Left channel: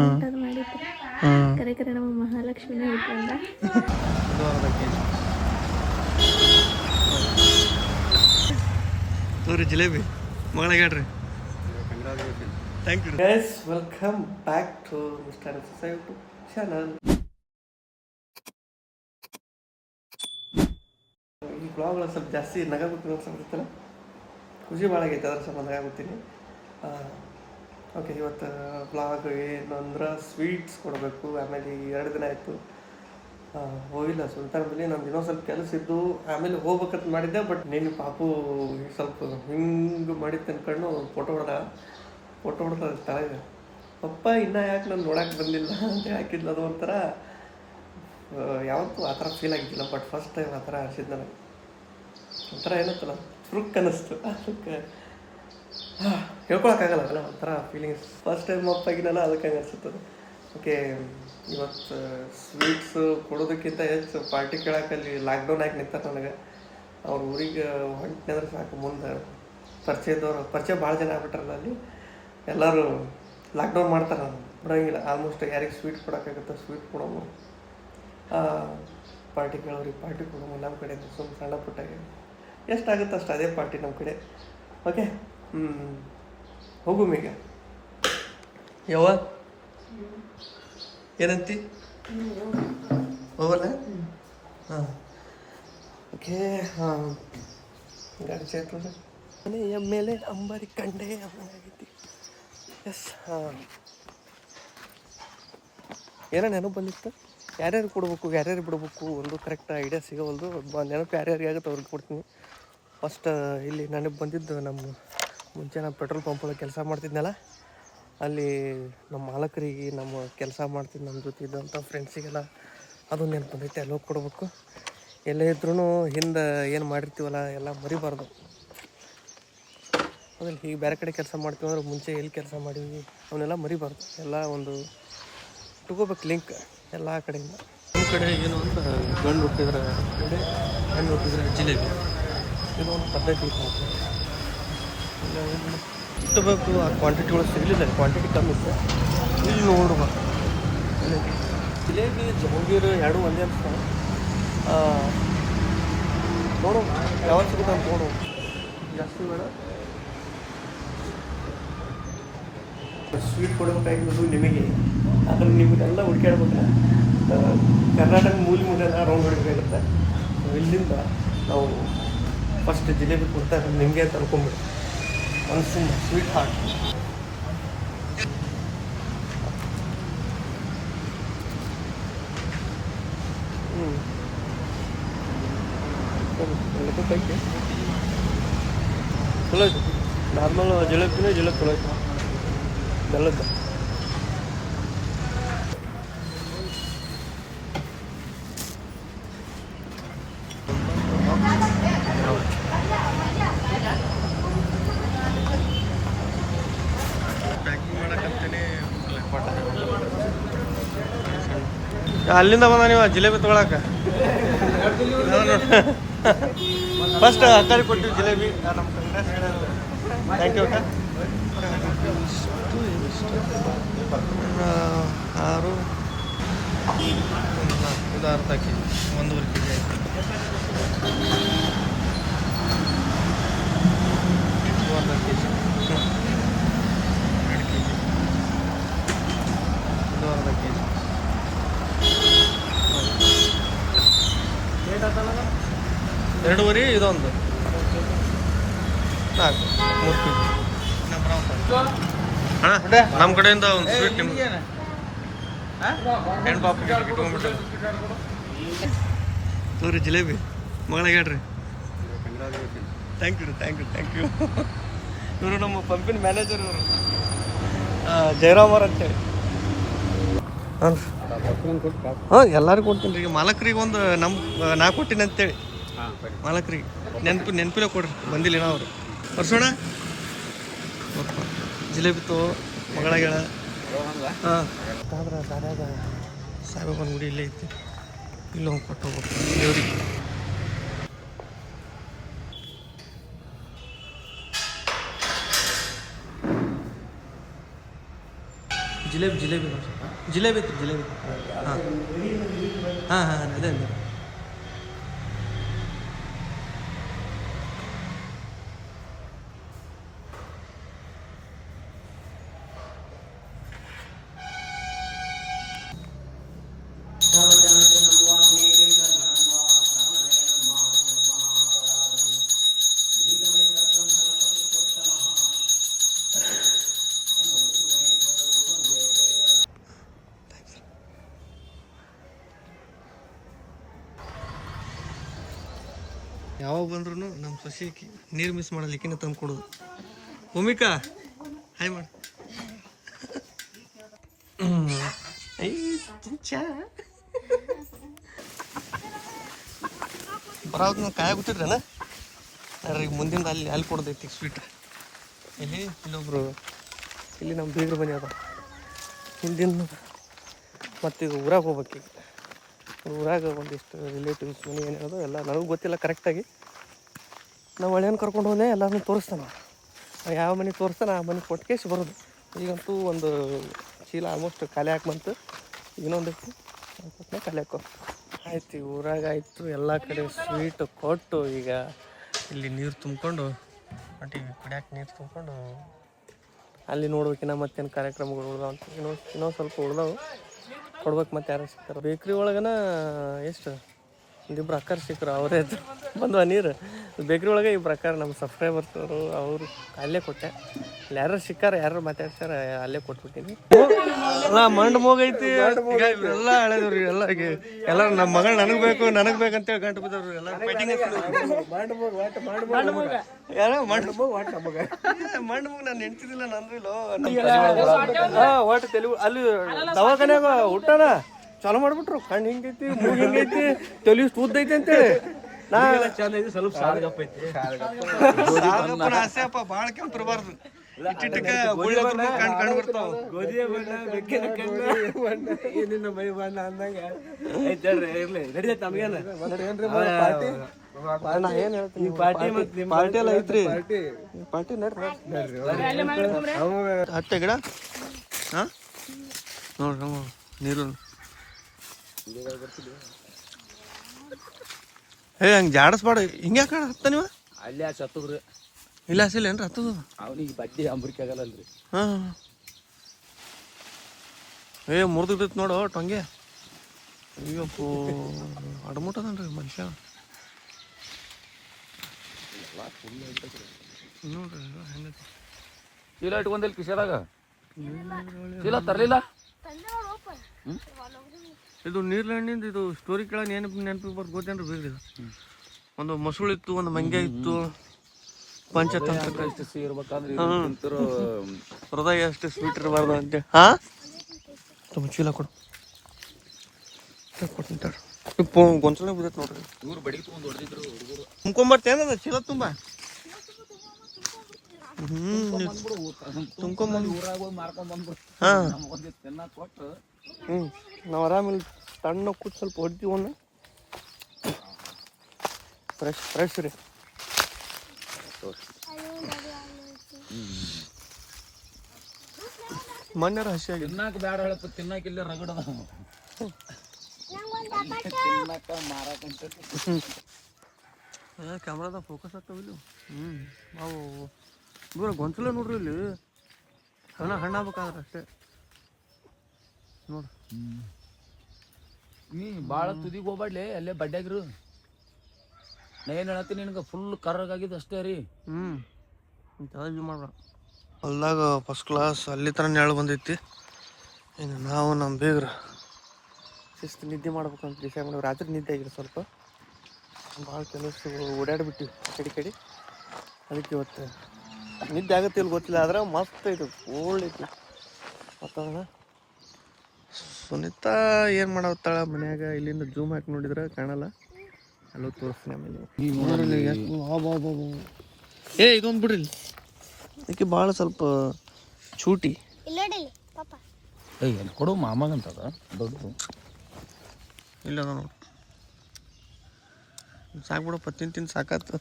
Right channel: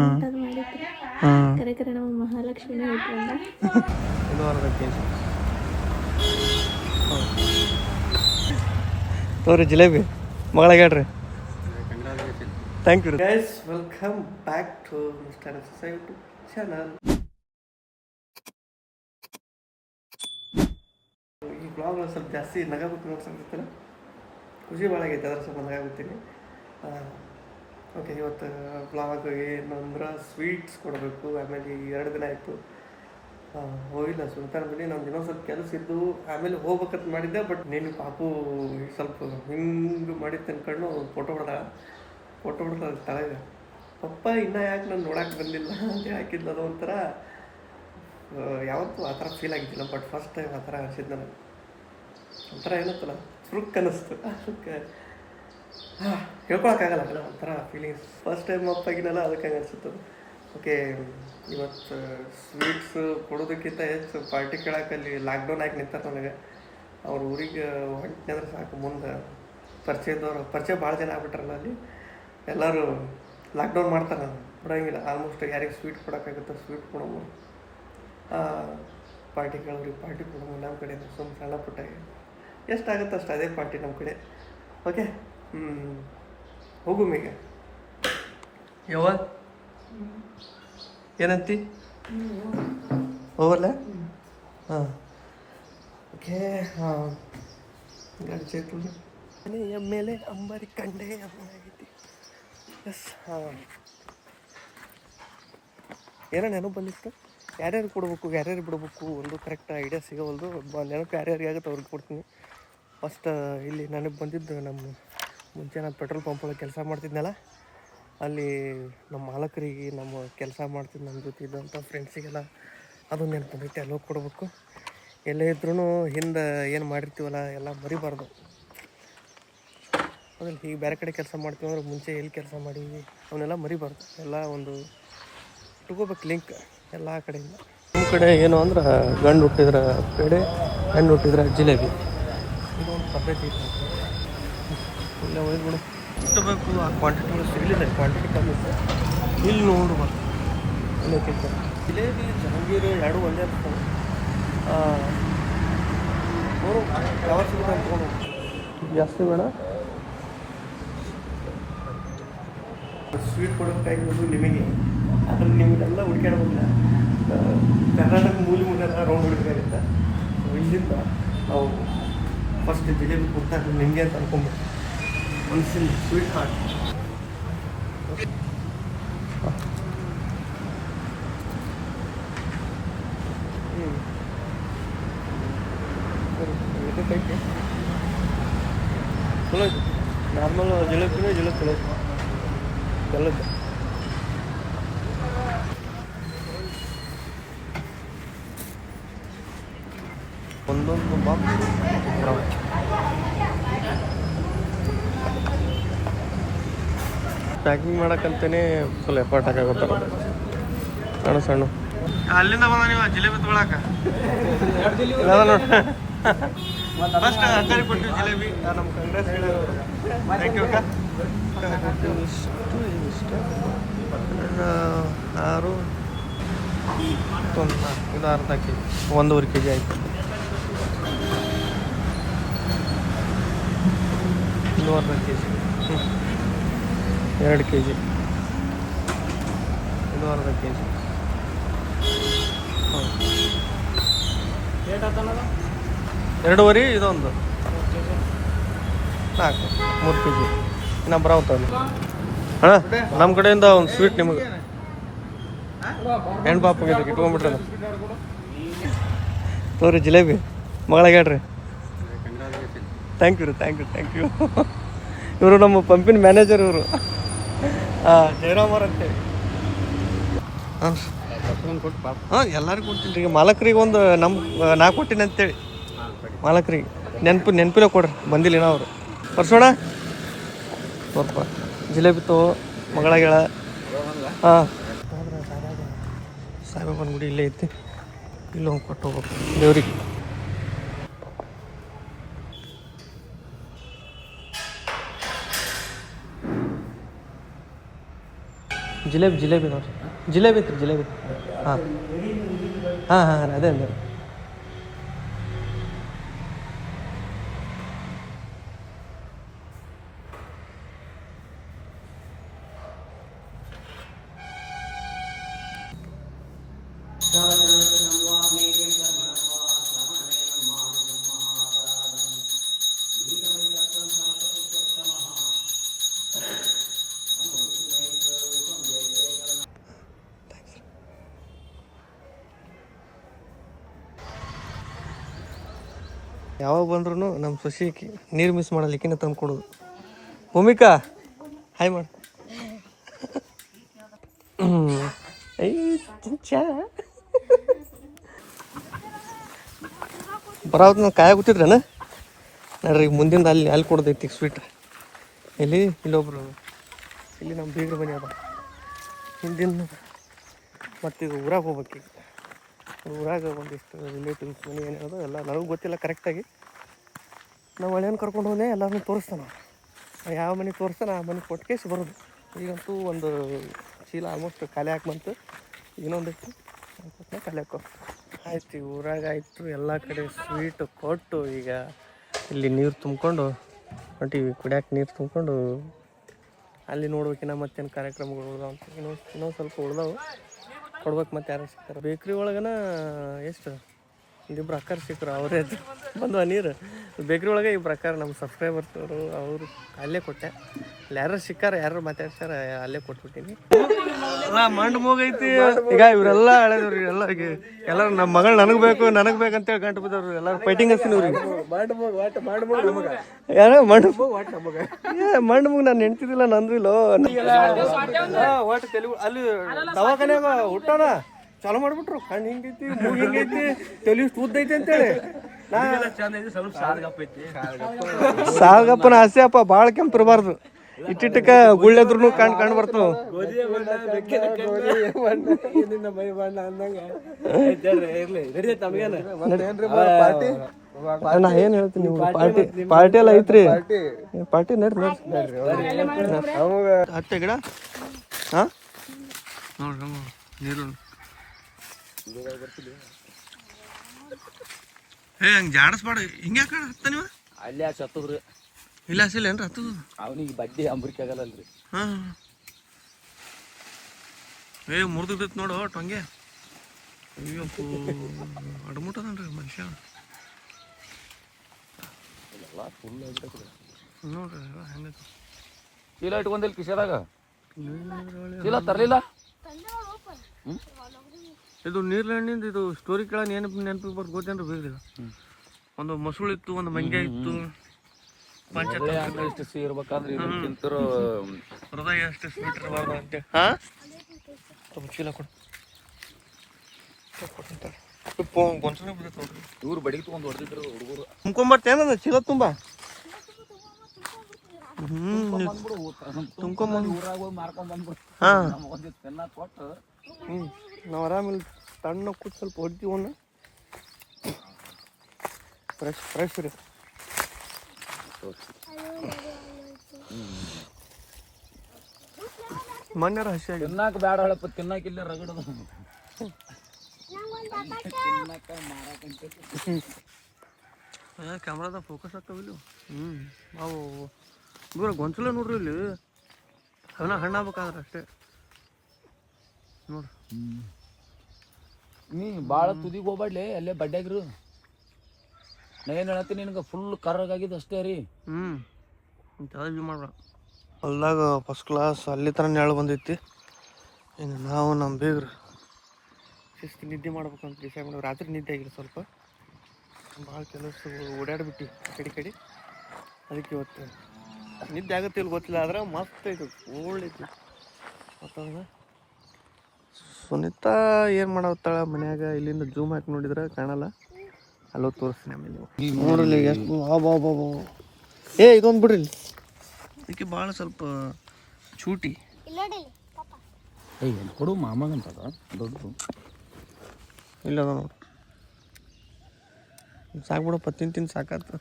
ಅದು ಮಾಡಿದ್ರು. ಕರೆ ಕರೆ ನಮ್ಮ ಮಹಾಲಕ್ಷ್ಮಿನೇ ಹುಟ್ಕೊಂಡ. ಇದು ಅರ್ಧ ಕೆಜಿ ತೋರಿ ಜಿಲೇಬಿ ಮಗಳಿಗೆ ಹೇಳ್ರಿ. Thank you guys, welcome back to mister exercise YouTube channel. ಈ ಬ್ಲಾಗ್ಗಳು ಸ್ವಲ್ಪ ಜಾಸ್ತಿ ನಗಾಗುತ್ತೀನಿ ಅನ್ಸತ್ತಲ್ಲ, ಖುಷಿ ಭಾಳ ಆಗೈತೆ, ಅದ್ರ ಸ್ವಲ್ಪ ನಗಾಗುತ್ತೀನಿ. ಓಕೆ, ಇವತ್ತು ಬ್ಲಾಗ್ ಏನಂದ್ರೆ ಸ್ವೀಟ್ಸ್ ಕೊಡಬೇಕು. ಆಮೇಲೆ 2 ದಿನ ಆಯಿತು ಹೋಗಿಲ್ಲ ಸುಲ್ತಾನ್ ಬಳಿ. ನಮ್ದು ಇನ್ನೊಂದು ಸ್ವಲ್ಪ ಕೆಲಸ ಇದ್ದು ಆಮೇಲೆ ಹೋಗ್ಬೇಕಂತ ಮಾಡಿದ್ದೆ. ಬಟ್ ನೀನು ಪಾಪು ಸ್ವಲ್ಪ ಹಿಂಗೆ ಮಾಡಿದ್ದು ಅನ್ಕೊಂಡು ಫೋಟೋ ಹೊಡೆದ ತಲೆಗೆ ಪಪ್ಪ ಇನ್ನೂ ಯಾಕೆ ನಾನು ನೋಡಕ್ಕೆ ಬಂದಿಲ್ಲ ಅಂತ ಹಾಕಿದ್ಲು. ಅದು ಒಂಥರ ಯಾವತ್ತೂ ಆ ಥರ ಫೀಲ್ ಆಗಿದ್ದಿಲ್ಲ. ಬಟ್ ಫಸ್ಟ್ ಟೈಮ್ ಆ ಥರ ಅನಿಸಿದ್ದು ನನಗೆ. ಒಂಥರ ಏನತ್ತಲ್ಲ ಫ್ರುಕ್ ಅನ್ನಿಸ್ತು. ಅದಕ್ಕೆ ಹೇಳ್ಕೊಳಕ್ಕಾಗಲ್ಲ ಅಲ್ಲ, ಒಂಥರ ಫೀಲಿಂಗ್ಸ್. ಫಸ್ಟ್ ಟೈಮ್ ಅಪ್ಪಾಗಿನಲ್ಲ, ಅದಕ್ಕೆ ಹಂಗೆ ಅನಿಸುತ್ತದೆ. ಓಕೆ, ಇವತ್ತು ಸ್ವೀಟ್ಸು ಕೊಡೋದಕ್ಕಿಂತ ಹೆಚ್ಚು ಪಾರ್ಟಿ ಕೇಳೋಕ್ಕಲ್ಲಿ ಲಾಕ್ಡೌನ್ ಆಗಿ ನಿಂತಾರೆ ನನಗೆ. ಅವ್ರ ಊರಿಗೆ ಹೊಂಟನೆ ಅಂದ್ರೆ ಸಾಕು. ಮುಂದೆ ಪರಿಚಯ ಭಾಳ ಜನ ಆಗ್ಬಿಟ್ರಲ್ಲ ಅಲ್ಲಿ. ಎಲ್ಲರೂ ಲಾಕ್ಡೌನ್ ಮಾಡ್ತಾರೆ, ನಾನು ಬಿಡೋಂಗಿಲ್ಲ. ಆಲ್ಮೋಸ್ಟ್ ಯಾರಿಗೆ ಸ್ವೀಟ್ ಕೊಡೋಕ್ಕಾಗುತ್ತೆ ಸ್ವೀಟ್ ಕೊಡೋಮು, ಪಾರ್ಟಿ ಕೇಳೋರಿಗೆ ಪಾರ್ಟಿ ಕೊಡೋಮು. ನಮ್ಮ ಕಡೆಯಿಂದ ಸುಮ್ಮನೆ ಸಣ್ಣ ಪುಟ್ಟ ಎಷ್ಟಾಗುತ್ತೆ ಅಷ್ಟು ಅದೇ ಪಾರ್ಟಿ ನಮ್ಮ ಕಡೆ. ಓಕೆ, ಹೋಗು ಮೇಗ. ಯವ್ವ ಏನಂತಿ? ಹೋಗಲ್ಲ? ಹಾಂ, ಓಕೆ. ಗಾಡಿ ಚೇತದ ಮನೆಯ ಮೇಲೆ ಅಂಬಾರಿ ಕಂಡೆ ಆಗೈತಿ. ಎಸ್, ಹಾಂ. ಏನೋ ನೆನಪು ಬಂದಿತ್ತು, ಯಾರ್ಯಾರು ಕೊಡ್ಬೇಕು ಯಾರ್ಯಾರು ಬಿಡ್ಬೇಕು ಒಂದು ಕರೆಕ್ಟ್ ಐಡಿಯಾ ಸಿಗೋವಲ್ದು. ನೆನಪು ಯಾರ್ಯಾರಿಗೆ ಆಗುತ್ತೆ ಅವ್ರಿಗೆ ಕೊಡ್ತೀನಿ. ಫಸ್ಟ್ ಇಲ್ಲಿ ನನಗೆ ಬಂದಿದ್ದು, ನಮ್ಮ ಮುಂಚೆ ನಾನು ಪೆಟ್ರೋಲ್ ಪಂಪೊಳಗೆ ಕೆಲಸ ಮಾಡ್ತಿದ್ನಲ್ಲ, ಅಲ್ಲಿ ನಮ್ಮ ಮಾಲಕರಿಗೆ, ನಮ್ಮ ಕೆಲಸ ಮಾಡ್ತಿದ್ದು ನಮ್ಮ ಜೊತೆ ಇದ್ದಂಥ ಫ್ರೆಂಡ್ಸಿಗೆಲ್ಲ ಅದೊಂದು ನೆನಪು ಬಂದೈತೆ. ಅಲ್ಲಿ ಹೋಗಿ ಕೊಡ್ಬೇಕು. ಎಲ್ಲೇ ಇದ್ರೂ ಹಿಂದೆ ಏನು ಮಾಡಿರ್ತೀವಲ್ಲ ಎಲ್ಲ ಮರಿಬಾರ್ದು. ಅದ್ರಲ್ಲಿ ಈಗ ಬೇರೆ ಕಡೆ ಕೆಲಸ ಮಾಡ್ತೀವಿ ಅಂದ್ರೆ ಮುಂಚೆ ಎಲ್ಲಿ ಕೆಲಸ ಮಾಡೀವಿ ಅವನ್ನೆಲ್ಲ ಮರಿಬಾರ್ದು. ಎಲ್ಲ ಒಂದು ಇಟ್ಕೋಬೇಕು ಲಿಂಕ್ ಎಲ್ಲ ಕಡೆಯಿಂದ. ನಮ್ಮ ಕಡೆ ಏನು ಅಂದ್ರೆ ಗಂಡು ಹುಟ್ಟಿದ್ರೆ ಕಡೆ, ಹೆಣ್ಣು ಹುಟ್ಟಿದ್ರೆ ಜಿಲೇಬಿ. ಇದು ಒಂದು ಪದ್ಧತಿ ಇತ್ತು. ಇಲ್ಲ ಹೋಗ್ಬಿಡಿ ಇಷ್ಟು ಬೇಕು. ಆ ಕ್ವಾಂಟಿಟಿಗಳು ಸಿಗಲಿಲ್ಲ, ಕ್ವಾಂಟಿಟಿ ಕಮ್ಮಿ ಇತ್ತು. ಇಲ್ಲಿ ನೋಡುವ ಏನಕ್ಕೆ ಜಿಲೇಬಿ ಜಹಾಂಗೀರು 2 ಒಂದೇ ಅನ್ಸ್ತಾವೆ. ನೋಡು ಯಾವತ್ತು ಸಿಗುತ್ತೆ ಅಂತ ನೋಡು. ಜಾಸ್ತಿ ಬೇಡ. ಸ್ವೀಟ್ ಕೊಡಬೇಕಾಗಿರೋದು ನಿಮಗೆ, ಅದನ್ನು ನಿಮಗೆಲ್ಲ ಹುಡುಕಾಡ್ಬೇಕಲ್ಲ. ಕರ್ನಾಟಕ ಮೂಲೆಲ್ಲ ರೌಂಡ್ ಹೊಡಿಬೇಕಾಗುತ್ತೆ. ಇಲ್ಲಿಂದ ನಾವು ಫಸ್ಟ್ ಜಿಲೇಬಿ ಕೊಡ್ತಾ ನಿಮಗೆ ಅಂತ ಅನ್ಕೊಂಡ್ಬಿಡಿ ಮನಸ್ಸಿಂದ. Sweet heart. ಕೈಗೆ ಚಲೋ ಐತೆ. ನಾರ್ಮಲ್ ಜಿಲೇಬಿನೇ ಜಿಲೇಬಿ ಚಲೋ ಐತೆ, ಬೆಲ್ಲದ್ದು. ಒಂದೊಂದು ಪ್ಯಾಕಿಂಗ್ ಮಾಡೋಕ್ಕಂತಲೇ ಫುಲ್ ಎಫರ್ಟ್ ಹಾಕಬೇಕು. ಸಣ್ಣ ಸಣ್ಣ ಅಲ್ಲಿಂದ ಬಂದ ನೀವು ಜಿಲೇಬಿ ತೊಗೊಳಕ್ಕೆ ನೋಡಿ. ಫಸ್ಟ್ ಅಕ್ಕಾರಿಗೆ ಕೊಟ್ಟಿವಿ ಜಿಲೇಬಿ. ನಮ್ಮ ಕಾಂಗ್ರೆಸ್ ಥ್ಯಾಂಕ್ ಯು ಅಕ್ಕ. ಇಷ್ಟು 6 ಇದು ಅರ್ಧ ಕೆ ಜಿ, 1.5 kg ಆಯಿತು. ಇದು ಅರ್ಧ kg, 2 kg. ಇದು ಅರ್ಧ kg. ಹೌದು, 2.5. ಇದೊಂದು 4, 3 kg. ಇನ್ನು ಬರೋದು. ಹಾಂ, ನಮ್ಮ ಕಡೆಯಿಂದ ಒಂದು ಸ್ವೀಟ್ ನಿಮಗೆ ಇಟ್ಕೊಂಡ್ಬಿಡ್ತದೆ. ತೋರಿ ಜಿಲೇಬಿ ಮಗಳಿಗೆ ಹೇಳ್ರಿ. Thank you. ಇವರು ನಮ್ಮ ಪಂಪಿನ ಮ್ಯಾನೇಜರ್. ಇವರು ಜಯರಾಮ್ ಅವ್ರು ಅಂತೇಳಿ. ಹಾಂ, ಎಲ್ಲರಿಗೂ ಕೊಡ್ತೀನಿ ರೀ. ಈಗ ಮಾಲಕರಿಗೆ ಒಂದು ನಾ ಕೊಟ್ಟಿನಿ ಅಂತೇಳಿ ಮಾಲಕರಿಗೆ ನೆನಪಿಲ್ಲ ಕೊಡ್ರಿ. ಬಂದಿಲ್ಲ ಏನೋ ಅವರು. ಬರ್ಸೋಣ ಸ್ವಲ್ಪ ಜಿಲೇಬಿ ತೋ ಮಗಳಾಗೆಳ. ಹಾಂ, ಆದ್ರೆ ಸಾಯಿಬಾಬನ ಗುಡಿ ಇಲ್ಲೇ ಐತಿ. ಇಲ್ಲಿ ಹೋಗಿ ಕೊಟ್ಟು ಹೋಗ್ಬೇಕು ದೇವ್ರಿಗೆ. ಜಿಲೇಬಿ ಜಿಲೇಬಿ ನೋಡ್ರಿ ಜಿಲೇಬಿ ಐತ್ರಿ ಜಿಲೇಬಿ ಹಾಂ ಹಾಂ ಹಾಂ ಅದೇ ಅಂದ ಯಾವಾಗ ಬಂದ್ರೂ ನಮ್ಮ ಸೊಸಿ ನೀರು ಮಿಸ್ ಮಾಡಲಿಕ್ಕಿನ ತಂದು ಕೊಡೋದು. ಭೂಮಿಕಾ ಹಾಯ್ ಮಾಡಿ ಬರೋದು ನಾವು ಕಾಯ ಗೊತ್ತಿದ್ರೇನ ನೋಡ್ರಿ. ಈಗ ಮುಂದಿಂದ ಅಲ್ಲಿ ಕೊಡ್ದೈತಿ ಸ್ವೀಟ್. ಇಲ್ಲೊಬ್ರು ಇಲ್ಲಿ ನಮ್ಮ ಬೀಗ್ರ ಮನೆ ಅದ ಹಿಂದಿನ. ಮತ್ತೀಗ ಊರಾಗ ಹೋಗ್ಬೇಕೀಗ. ಊರಾಗ ಒಂದಿಷ್ಟು ರಿಲೇಟಿವ್ಸ್ ಮನೆ ಏನೇನದು ಎಲ್ಲ ನನಗೂ ಗೊತ್ತಿಲ್ಲ ಕರೆಕ್ಟಾಗಿ. ನಾವು ಹಳೆಯನ್ನು ಕರ್ಕೊಂಡು ಹೋದೆ ಎಲ್ಲರನ್ನೂ ತೋರಿಸ್ತಾನೆ. ಯಾವ ಮನೆ ತೋರಿಸ್ತಾನೆ ಆ ಮನೆ ಕೊಟ್ಕೇಸಿ ಬರೋದು. ಈಗಂತೂ ಒಂದು ಚೀಲ ಆಲ್ಮೋಸ್ಟ್ ಖಾಲಿ ಹಾಕಿ ಬಂತು. ಇನ್ನೊಂದು ಐತಿ ಖಾಲಿ ಹಾಕೋ ಆಯ್ತು. ಊರಾಗ ಆಯಿತು ಎಲ್ಲ ಕಡೆ ಸ್ವೀಟ್ ಕೊಟ್ಟು ಈಗ ಇಲ್ಲಿ ನೀರು ತುಂಬಿಕೊಂಡು ಒಟ್ಟಿಗೆ ಕುಡಿಯೋಕೆ ನೀರು ತುಂಬಿಕೊಂಡು ಅಲ್ಲಿ ನೋಡ್ಬೇಕಿನ್ನ ಮತ್ತೇನು ಕಾರ್ಯಕ್ರಮಗಳು ಉಳ್ದಾವ ಅಂತ. ಇನ್ನೊಂದು ಸ್ವಲ್ಪ ಉಳ್ದಾವು ಕೊಡ್ಬೇಕು. ಮತ್ತೆ ಯಾರು ಸಿಗ್ತಾರೆ ಬೇಕ್ರಿ ಒಳಗನ ಎಷ್ಟು ಒಂದಿಬ್ರು ಅಕ್ಕಾರ ಸಿಕ್ಕರು. ಅವರೇ ಬಂದ್ವ ನೀರು ಬೇಕ್ರಿ ಒಳಗೆ. ಇಬ್ರು ಅಕ್ಕಾರ ನಮ್ಮ ಸಬ್ಸ್ಕ್ರೈಬರ್ಸ್ ಅವರು ಅಲ್ಲೇ ಕೊಟ್ಟೆ. ಅಲ್ಲಿ ಯಾರು ಸಿಕ್ಕಾರ ಯಾರು ಮಾತಾಡ್ಸಾರ ಅಲ್ಲೇ ಕೊಟ್ಬಿಟ್ಟಿನಿ. ಮಂಡ್ ಮೂಗೈತಿ ಈಗ ಇವರೆಲ್ಲ ಹಳೆದವ್ರಿ. ಎಲ್ಲರೂ ನಮ್ಮ ಮಗಳು ನನಗೆ ಬೇಕಂತೇಳಿ ಗಂಟು ಬಿದ್ದವ್ರು. ಎಲ್ಲ ಫೈಟಿಂಗ್ ಯಾರೋ ಮಂಡ್ ಮೂಗ್ ನಾನು ನೆನ್ತಿದ್ದಿಲ್ಲ. ನಂದು ಇಲ್ಲೋ ಒಟ್ಟು ತೆಲುಗು ಅಲ್ಲಿ ದವಾಖಾನ್ಯಾಗ ಹುಟ್ಟಾನ ಚಾಲು ಮಾಡ್ಬಿಟ್ರು. ಕಣ್ಣು ಹಿಂಗೈತಿ ಮೂಗ್ ಹಿಂಗೈತಿ ತೆಲಿ ಇಷ್ಟು ಉದ್ದೈತಿ ಅಂತೇಳಿ. ನಾ ಸಾಲ್ಗಪ್ಪನ ಆಸೆ ಅಪ್ಪ ಭಾಳ ಕೆಂಪಿರಬಾರ್ದು. ಇಟ್ಟಿಟ್ಟಕ್ಕ ಗುಳ್ಳೆದ್ರು ಕಂಡು ಬರ್ತವು. ನಾ ಏನ್ ಹೇಳ್ತೀನಿ ಪಾರ್ಟಿ ಎಲ್ಲ ಐತ್ರಿ. ಪಾರ್ಟಿ ನಡ್ರಿ ಹತ್ತೆ ಗಿಡ ಹಾಂ ನೋಡ್ರಿ ನೀರು ಹಂಗೆ ಜಾಡಸ್ಬಾಡ. ಹಿಂಗೆ ಯಾಕೆ ಹತ್ತ ನೀವು ಅಲ್ಲಿ ಹತ್ತದ್ರಿ ಇಲ್ಲ ಹಸಿಲ್ಲ ಏನ್ರಿ ಹತ್ತದ ಅವನಿಗೆ ಬಡ್ಡಿ ಅಂಬರಿಕೆ ಆಗಲ್ಲಲ್ರಿ. ಹಾಂ ಮುರಿದೈತಿ ನೋಡು ಟೊಂಗೆ. ಅಯ್ಯಪ್ಪು ಅಡ್ಮುಟ್ಟದನ್ರಿ ಮನುಷ್ಯ ನೋಡ್ರಿ ಹೆಂಗೈತಿ. ಚೀಲ ಇಟ್ಕೊಂದಿಲ್ಲ ಕಿಶೆದಾಗ ಚೀಲ ತರ್ಲಿಲ್ಲ. ಇದು ನೀರ್ಲೆಹಣ್ಣಿಂದ ಇದು ಸ್ಟೋರಿ ಕೇಳ ನೆನಪಿಗೆ ಬರ್ದು ಗೊತ್ತೇನ್ರಿ ಬೇಗ. ಒಂದು ಮಸುಳು ಇತ್ತು, ಒಂದು ಮಂಗ್ಯ ಇತ್ತು, ಪಂಚತಂತ್ರ ಹೃದಯ ಅಷ್ಟು ಸ್ವೀಟ್ ಇರಬಾರ್ದು ಅಂತೇಳಿ. ಹಾಂ ಚೀಲ ಕೊಡು ಗೊಂಚಲ ಬಿದ್ದೈತೆ ನೋಡ್ರಿ. ಇವ್ರು ಬಡಿಗೆ ತಗೊಂಡು ಹೊಡೆದಿದ್ರು ಹುಡುಗರು. ತುಂಬ್ಕೊಂಬರ್ತೇನ ಚೀಲ ತುಂಬ ತುಂಬ್ಕೊಂಬಂದು ಊರಾಗ ಮಾರ್ಕೊಂಡ್ ಬಂದ್ಬಿಡು. ಹಾಂ ತಿನ್ನ ಕೊಟ್ಟು ನಾವು ಆರಾಮಿಲ್ಲ ತಣ್ಣ ಕೂತ್ ಸ್ವಲ್ಪ ಹೊಡ್ತೀವನ್ನ ಫ್ರೆಶ್ ರೀ. ಮಣ್ಣಾರ ಹಸಿ ಆಗಿ ತಿನ್ನಾಕ ಬ್ಯಾಡ ಹೇಳಪ್ಪ. ತಿನ್ನಾಕಿಲ್ಲ ರಗಡ ತಿನ್ನಾಕ ಮಾರಾಕಂತ ಕ್ಯಾಮ್ರಾದಾಗ ಫೋಕಸ್ ಆಗ್ತಾವ ಇಲ್ಲಿ. ಅವು ದೂರ ಗೊಂಚಲ ನೋಡ್ರಿ ಇಲ್ಲಿ ಹಣ್ಣಾಗ್ಬೇಕಾದ್ರೆ ಅಷ್ಟೇ ನೋಡ್ರಿ. ನೀ ಭಾಳ ತುದಿಗೆ ಹೋಗ್ಬಾಡ್ಲಿ, ಅಲ್ಲೇ ಬಡ್ಡ್ಯಾಗ್ರು. ನಾ ಏನು ಹೇಳತ್ತೀನಿ ನಿನಗೆ ಫುಲ್ ಕರ್ರಗಾಗಿದ್ದು ಅಷ್ಟೇ ರೀ. ಇದು ಮಾಡ್ಬೇಡ. ಹೊಲ್ದಾಗ ಫಸ್ಟ್ ಕ್ಲಾಸ್ ಅಲ್ಲಿ ಥರ ನೆರಳು ಬಂದೈತಿ. ಇನ್ನು ನಾವು ನಮ್ಮ ಬೇಗ್ರು ಶಿಸ್ತು ನಿದ್ದೆ ಮಾಡ್ಬೇಕಂತ ಡಿಸೈಡ್ ಮಾಡಿ ರಾತ್ರಿ ನಿದ್ದೆ ಆಗಿರಿ ಸ್ವಲ್ಪ ಭಾಳ ಕೆಲಸ ಓಡಾಡ್ಬಿಟ್ಟಿವಿ ಕಡೆ. ಅದಕ್ಕೆ ಇವತ್ತು ನಿದ್ದೆ ಆಗುತ್ತೆ ಇಲ್ಲಿ ಗೊತ್ತಿಲ್ಲ. ಆದ್ರೆ ಮಸ್ತ್ ಐತಿ, ಕೋಲ್ಡ್ ಐತಿ ವಾತಾವರಣ. ಸುನೀತಾ ಏನು ಮಾಡತ್ತಾಳ ಮನ್ಯಾಗ. ಇಲ್ಲಿಂದ ಜೂಮ್ ಹಾಕಿ ನೋಡಿದ್ರೆ ಕಾಣಲ್ಲ. ಅಲ್ಲೋ ತೋರಿಸ್ತೀನಿ ಆಮೇಲೆ ನೋಡ್ರಿ. ಇದೊಂದು ಬಿಡ್ರಿ ಅದಕ್ಕೆ ಭಾಳ ಸ್ವಲ್ಪ ಚೂಟಿ ಕೊಡು ಮಾಮಗಂತದ ಇಲ್ಲ ಅದ ನೋಡು. ಸಾಕ್ಬಿಡಪ್ಪ ತಿಂದು ಸಾಕಾತು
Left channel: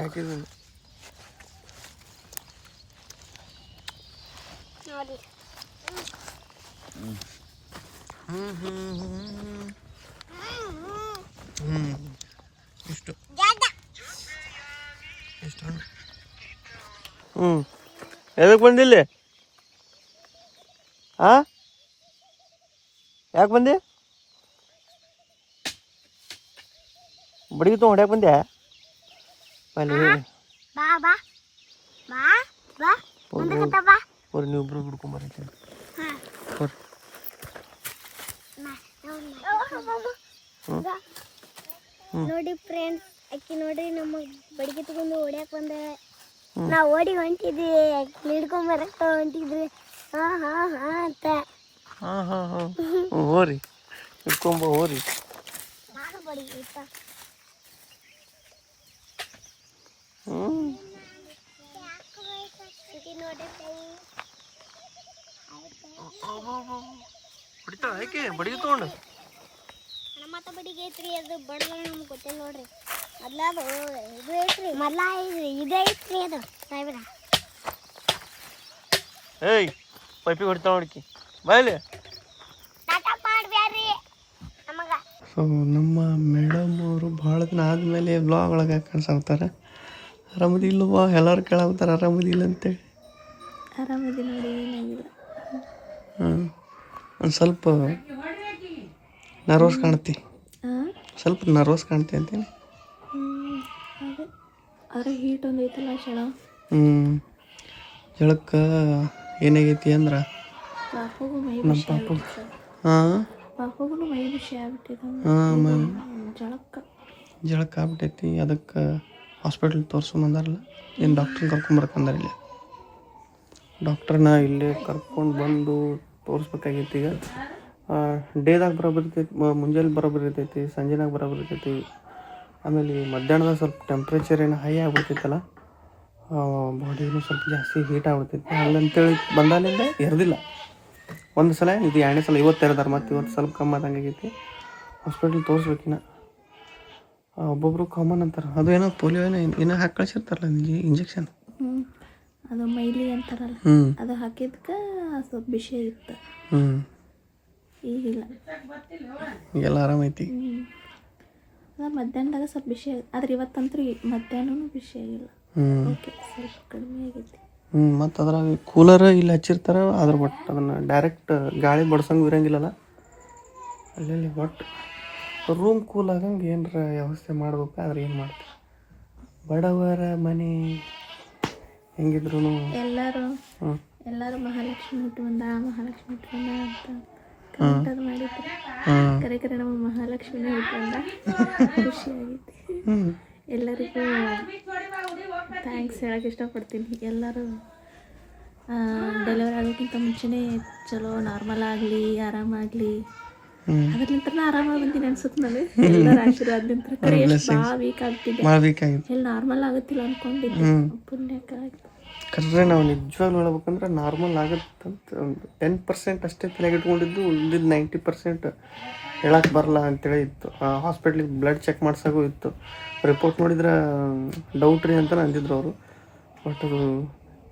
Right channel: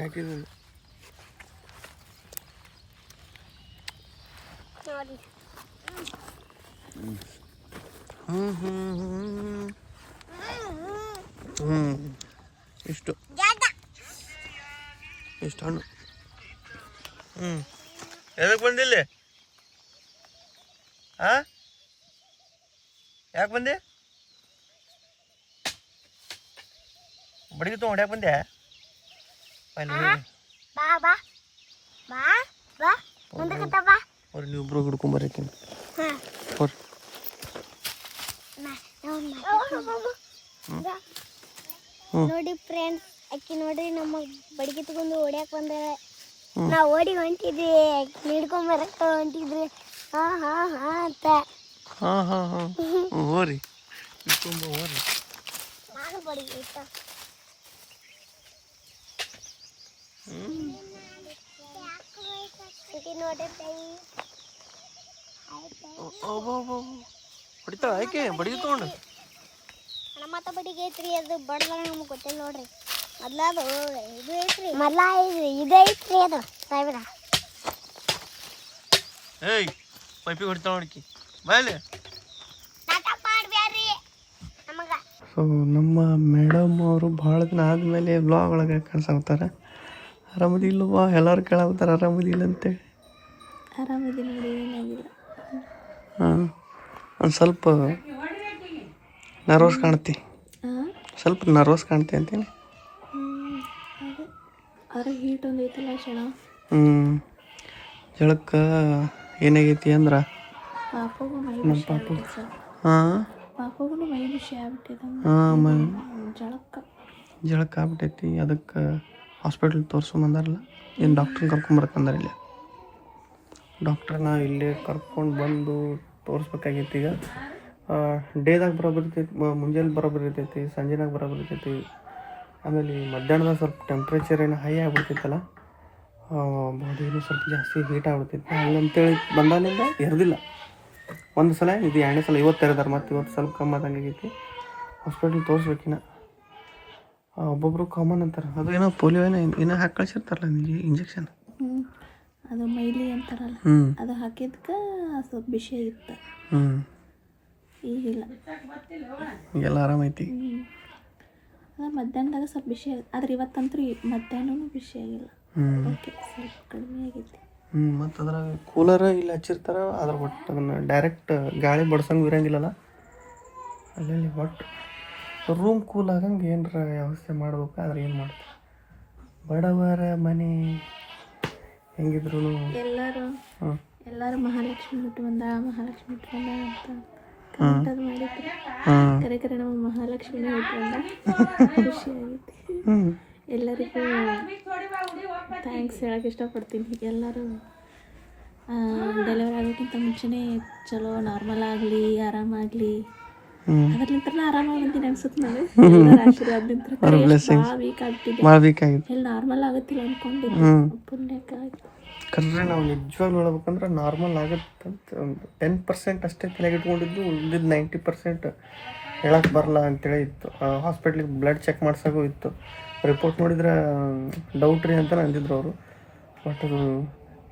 ಹಾಕಿದ್ದೀನಿ. ಇಷ್ಟು ಇಷ್ಟು ಹಣ್ಣು. ಎದಕ್ಕೆ ಬಂದಿಲ್ಲಿ? ಯಾಕೆ ಬಂದೆ? ಬಡಿಗೆ ತೊಗೊಂಡು ಹೊಡ್ಯಾಕೆ ಬಂದೆ? ಬರ್ರಿ ನೀವಿಬ್ರು ಹಿಡ್ಕೊಂಬರೈತಿ ನೋಡಿ ಫ್ರೆಂಡ್ಸ್, ಅಕ್ಕಿ ನೋಡ್ರಿ ನಮ್ಮ ಬಡಿಗೆ ತಗೊಂಡು ಓಡ್ಯಾಕ ಬಂದ. ನಾವು ಓಡಿ ಹೊಂಟಿದ್ವಿ, ಅಕ್ಕಿ ಹಿಡ್ಕೊಂಬರಕ್ಕ ಹೊಂಟಿದ್ರಿ. ಹಾ ಹಾ ಹಾ ಅಂತ. ಹೋರಿ ಹಿಡ್ಕೊಂಬ ಹೋರಿ. ನಾನು ಬಡಿಗೆ ಆಯ್ತಾ ಹೊಡಿತಾಳ ಯಾಕೆ ಬಡಿಗೆ ತೊಗೊಂಡು? ನಮ್ಮತ್ತ ಬಡಿಗೆ ಐತ್ರಿ, ಅದು ಬಡದ ನಮ್ಗೆ ಗೊತ್ತಿಲ್ಲ ನೋಡ್ರಿ. ಮೊದ್ಲ ಅದು ಇದು ಐತ್ರಿ, ಮೊದ್ಲ ಇದು ಐತ್ರಿ ಅದು ಸಾವಿರ. ಏಯ್ ಪೈಪಿಗೆ ಹೊಡಿತಾಳ ನೋಡ್ಕಿ ಬಾಯ್ಲಿ. ಸೊ ನಮ್ಮ ಮೇಡಮ್ ಅವರು ಭಾಳ ದಿನ ಆದಮೇಲೆ ಬ್ಲಾಗ್ ಒಳಗೆ ಕಾಣಿಸ್ತಾರೆ. ಆರಾಮದಿಲ್ಲವಾ? ಎಲ್ಲರೂ ಕೇಳಾಗ್ತಾರೆ ಆರಾಮದಿಲ್ಲ ಅಂತೇಳಿ. ಆರಾಮದಿ ನೋಡಿ, ಏನಾಗಿಲ್ಲ. ಒಂದು ಸ್ವಲ್ಪ ನರ್ವಸ್ ಕಾಣ್ತಿ, ಸ್ವಲ್ಪ ನರ್ವಸ್ ಕಾಣ್ತಿ ಅಂತೇಳಿ. ಅದೇ ಅದ್ರ ಹೀಟ್ ಒಂದು ಐತಲ್ಲ ಕ್ಷಣ. ಜಳಕ್ಕೆ ಏನಾಗೈತಿ ಅಂದ್ರೆ ಪಾಪಗೂ ಮೈ ನಮ್ಮ ಪಾಪು ಪಾಪಗೂ ಮೈ ಬಿಸಿ ಆಗ್ಬಿಟ್ಟಿದೆ. ಜಳಕ್ಕೆ ಆಗ್ಬಿಟ್ಟೈತಿ. ಅದಕ್ಕೆ ಹಾಸ್ಪಿಟ್ಲ್ ತೋರಿಸ್ಕೊಂಬಂದಾರಲ್ಲ, ಏನು ಡಾಕ್ಟ್ರನ್ನ ಕರ್ಕೊಂಬರ್ಕಂದಾರ. ಇಲ್ಲಿ ಡಾಕ್ಟ್ರನ್ನ ಇಲ್ಲೇ ಕರ್ಕೊಂಡು ಬಂದು ತೋರಿಸ್ಬೇಕಾಗೈತಿ. ಈಗ ಡೇದಾಗ ಬರೋಬ್ಬರಿ ಇರ್ತೈತಿ, ಮುಂಜಾನೆ ಬರೋಬ್ಬರಿ ಇರ್ತೈತಿ, ಸಂಜೆನಾಗ ಬರೋಬ್ಬರಿ ಇರ್ತೈತಿ. ಆಮೇಲೆ ಮಧ್ಯಾಹ್ನದಾಗ ಸ್ವಲ್ಪ ಟೆಂಪ್ರೇಚರ್ ಏನು ಹೈ ಆಗ್ಬಿಡ್ತೈತಲ್ಲ, ಬಾಡಿನೂ ಸ್ವಲ್ಪ ಜಾಸ್ತಿ ಹೀಟ್ ಆಗ್ಬಿಡ್ತೈತಿ. ಹಂಗಂತೇಳಿ ಬಂದಾನಿಂದ ಎರ್ದಿಲ್ಲ. ಒಂದು ಸಲ ಇದು 2ನೇ ಸಲ, ಇವತ್ತು ಎರ್ದಾರ. ಮತ್ತು ಇವತ್ತು ಸ್ವಲ್ಪ ಕಮ್ಮಿ ಆದಂಗೆ ಆಗೈತಿ. ಹಾಸ್ಪಿಟ್ಲ್ ತೋರಿಸ್ಬೇಕಿನ್ನ. ಒಬ್ಬೊಬ್ರು ಕಾಮನ್ ಅಂತಾರೆ, ಅದೇನೋ ಪೋಲಿಯೋ ಏನೋ ಹಾಕಿ ಕಳಿಸಿರ್ತಾರಲ್ಲ ಇಂಜೆಕ್ಷನ್. ಅದು ಮೈಲಿ ಅಂತಾರಲ್ಲ, ಅದು ಹಾಕಿದ್ಕೆ ಸ್ವಲ್ಪ ಬಿಸಿ ಆಗಿತ್ತು. ಈಗಿಲ್ಲ, ಈಗೆಲ್ಲ ಆರಾಮೈತಿ. ಅದು ಮಧ್ಯಾಹ್ನದಾಗ ಸ್ವಲ್ಪ ಬಿಸಿ ಆದ್ರೆ ಇವತ್ತಂತೂ ಮಧ್ಯಾಹ್ನನೂ ಬಿಸಿ ಆಗಿಲ್ಲ. ಓಕೆ, ಸ್ವಲ್ಪ ಕಡಿಮೆ ಆಗೈತಿ. ಮತ್ತು ಅದ್ರಾಗ ಕೂಲರ್ ಇಲ್ಲಿ ಹಚ್ಚಿರ್ತಾರೆ. ಅದ್ರ ಬಟ್ ಅದನ್ನು ಡೈರೆಕ್ಟ್ ಗಾಳಿ ಬಡ್ಸಂಗೆ ಇರೋಂಗಿಲ್ಲಲ್ಲ ಅಲ್ಲಿ. ಒಟ್ಟು ರೂಮ್ ಕೂಲ್ ಆಗಂಗೆ ಏನರ ವ್ಯವಸ್ಥೆ ಮಾಡ್ಬೇಕು. ಆದ್ರೆ ಏನು ಮಾಡ್ತಾರೆ, ಬಡವರ ಮನೆ ಹೆಂಗಿದ್ರು ಎಲ್ಲರೂ ಮಹಾಲಕ್ಷ್ಮಿ ಹುಟ್ಟು ಬಂದ ಅಂತ ಕಮೆಂಟ್ ಅದು ಮಾಡಿದ್ರು. ಕರೆ ನಮ್ಮ ಮಹಾಲಕ್ಷ್ಮಿನೇ ಹುಟ್ಟು ಬಂದ. ಖುಷಿಯಾಗೈತಿ. ಎಲ್ಲರಿಗೂ ಥ್ಯಾಂಕ್ಸ್ ಹೇಳಕ್ಕೆ ಇಷ್ಟಪಡ್ತೀನಿ. ಎಲ್ಲರೂ ಡೆಲಿವರಿ ಆಗೋಕ್ಕಿಂತ ಮುಂಚೆನೇ ಚಲೋ ನಾರ್ಮಲ್ ಆಗಲಿ, ಆರಾಮಾಗಲಿ, ಅದ್ರಲಿಂತ ಆರಾಮಾಗಿ ಬಂತೀನಿ ಅನ್ಸುತ್ತೆ ನನಗೆ. ಎಲ್ಲರ ಆಶೀರ್ವಾದಲಿಂತ ಭಾಳ ವೀಕ್ ಆಗ್ತಿದ್ದೆ, ಎಲ್ಲಿ ನಾರ್ಮಲ್ ಆಗುತ್ತಿಲ್ಲ ಅಂದ್ಕೊಂಡಿದ್ದೆ. ಪುಣ್ಯಕ್ಕೆ ಆಯ್ತು. ಕರೆದ್ರೆ ನಾವು ನಿಜವಾಗ್ಲೂ ಹೇಳ್ಬೇಕಂದ್ರೆ ನಾರ್ಮಲ್ ಆಗುತ್ತಂತ ಒಂದು 10% ಅಷ್ಟೇ ತಲೆಗೆ ಇಟ್ಕೊಂಡಿದ್ದು. ಉಳಿದಿದ್ದು 90% ಹೇಳಕ್ಕೆ ಬರಲ್ಲ ಅಂತೇಳಿ ಇತ್ತು. ಹಾಸ್ಪಿಟ್ಲಿಗೆ ಬ್ಲಡ್ ಚೆಕ್ ಮಾಡ್ಸೋಕ್ಕೂ ಇತ್ತು. ರಿಪೋರ್ಟ್ ನೋಡಿದ್ರೆ ಡೌಟ್ ರೀ ಅಂತ ಅಂದಿದ್ರು ಅವರು. ಬಟ್ ಅದು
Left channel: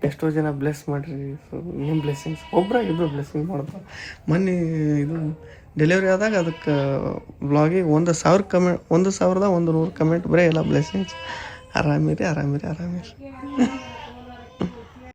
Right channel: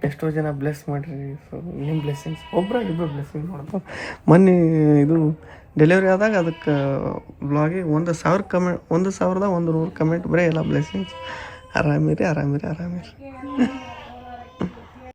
ಎಷ್ಟೋ ಜನ ಬ್ಲೆಸ್ ಮಾಡಿರಿ. ಸೊ ನಿಮ್ಮ ಬ್ಲೆಸ್ಸಿಂಗ್ಸ್ ಇಬ್ಬರು ಬ್ಲೆಸ್ಸಿಂಗ್ ಮಾಡೋದು. ಮೊನ್ನೆ ಇದು ಡೆಲಿವರಿ ಆದಾಗ ಅದಕ್ಕೆ ಬ್ಲಾಗಿಗೆ 1,000 ಕಮೆಂಟ್, 1,100 ಕಮೆಂಟ್ ಬರೀ ಎಲ್ಲ ಬ್ಲೆಸ್ಸಿಂಗ್ಸ್. ಆರಾಮಿರಿ.